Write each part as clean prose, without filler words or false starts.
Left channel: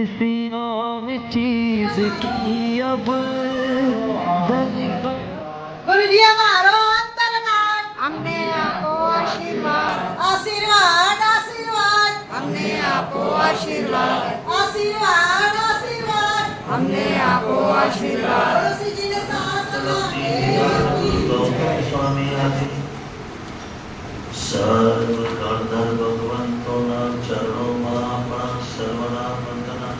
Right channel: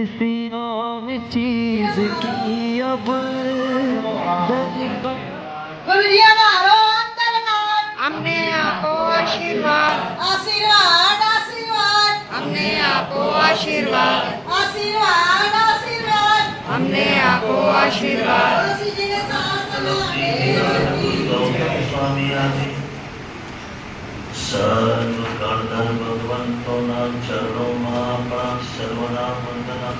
किसी और चीज की अब दरकार। गुरुजी हमारो अंतरनाथ हमने आपको आशीर्वाद आशीर्वाद आशीर्वाद हमने आपको आशीर्वाद आशीर्वाद आशीर्वाद हमने आपको आशीर्वाद तुलसी जी ने स्वामी आदि सर्व गणधर्व भगवंतोना चरणों में सर्वना वंदना।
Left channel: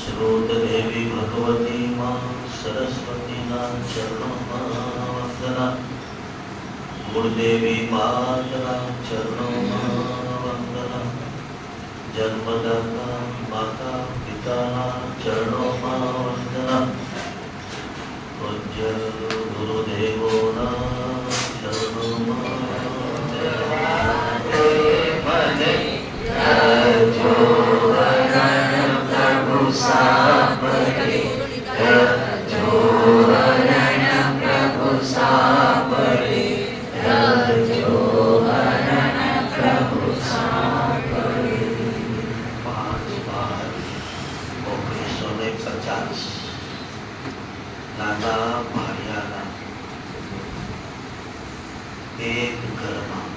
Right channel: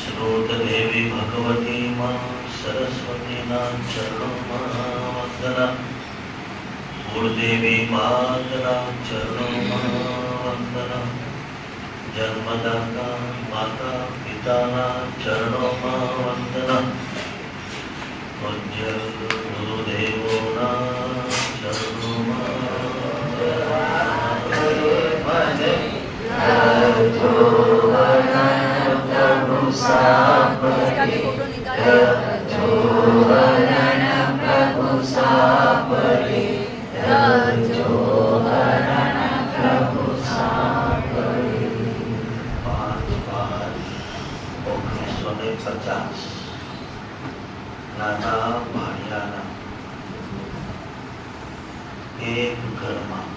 श्रोत देवी भगवती मां सरस्वती ना चरणों में वंदना। गुरुदेवी माता चरणों में वंदना। जन्मदाता माता पिता ना चरणों में वंदना। पूज्य गुरुदेवो ना चरणों में प्रभु साथ प्रभु साथ एक घर में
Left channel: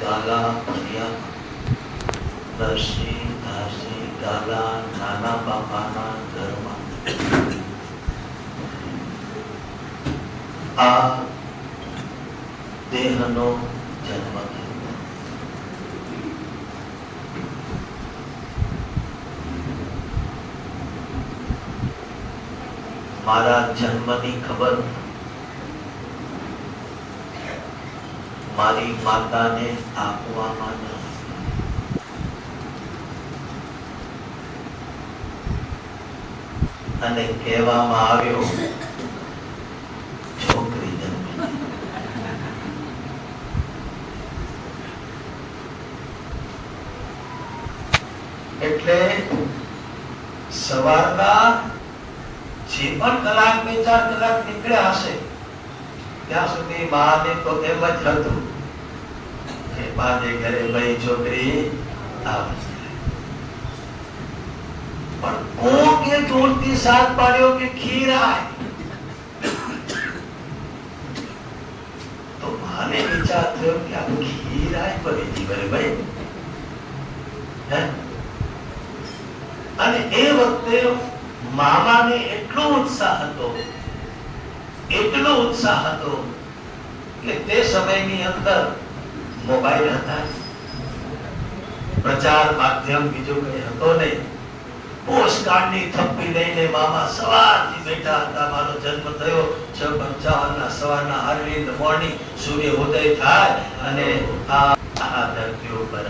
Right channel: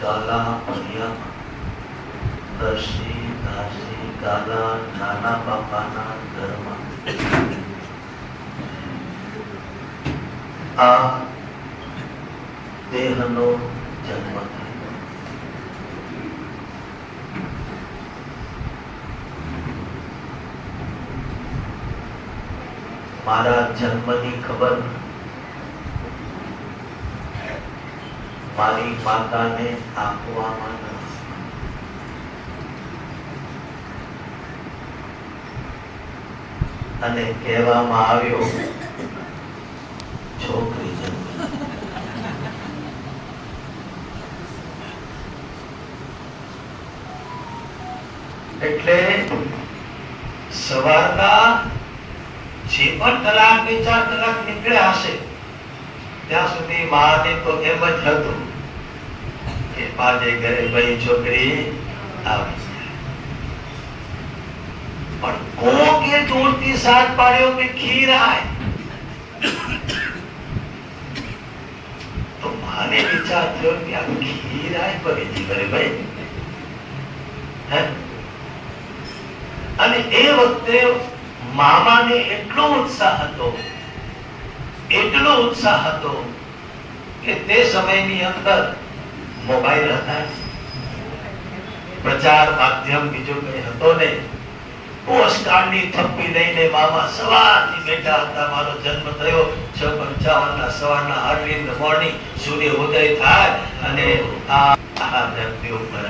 गाला भरिया दर्शी दासी गाला नाना बापाना घर में आ देहनो जन्म थयो। मारा जन्मनी खबर મારી માતાને આપવામાં ન અને કહેવામાં આવ્યો છોકરી જન્મી। એટલે સવારના જે પણ કલાક 2-4 કલાક નીકળ્યા હશે ત્યાં સુધી માને તો એમ જ હતું કે મારે ઘરે ભાઈ છોકરી આવી। પણ કોકે જોરથી સાથ પાડ્યો કે ખીર આય તો માને વિચાર થયો કે આ ખીર આય પડી ઘરે ભાઈ હે। અને એ વખતે મામાને એટલો ઉત્સાહ હતો કે તે સમયની અંદર મોબાઈલ હતા, પ્રચાર માધ્યમ બીજું કઈ હતો નહીં। પોસ્ટકાર્ડની થપ્પી લઈને મામા સવારથી બેઠા હતા। મારો જન્મ થયો 6:55 સવારના અર્લી ઇન ધ મોર્નિંગ સૂર્ય ઉદય થાય અને આ ધરતી ઉપર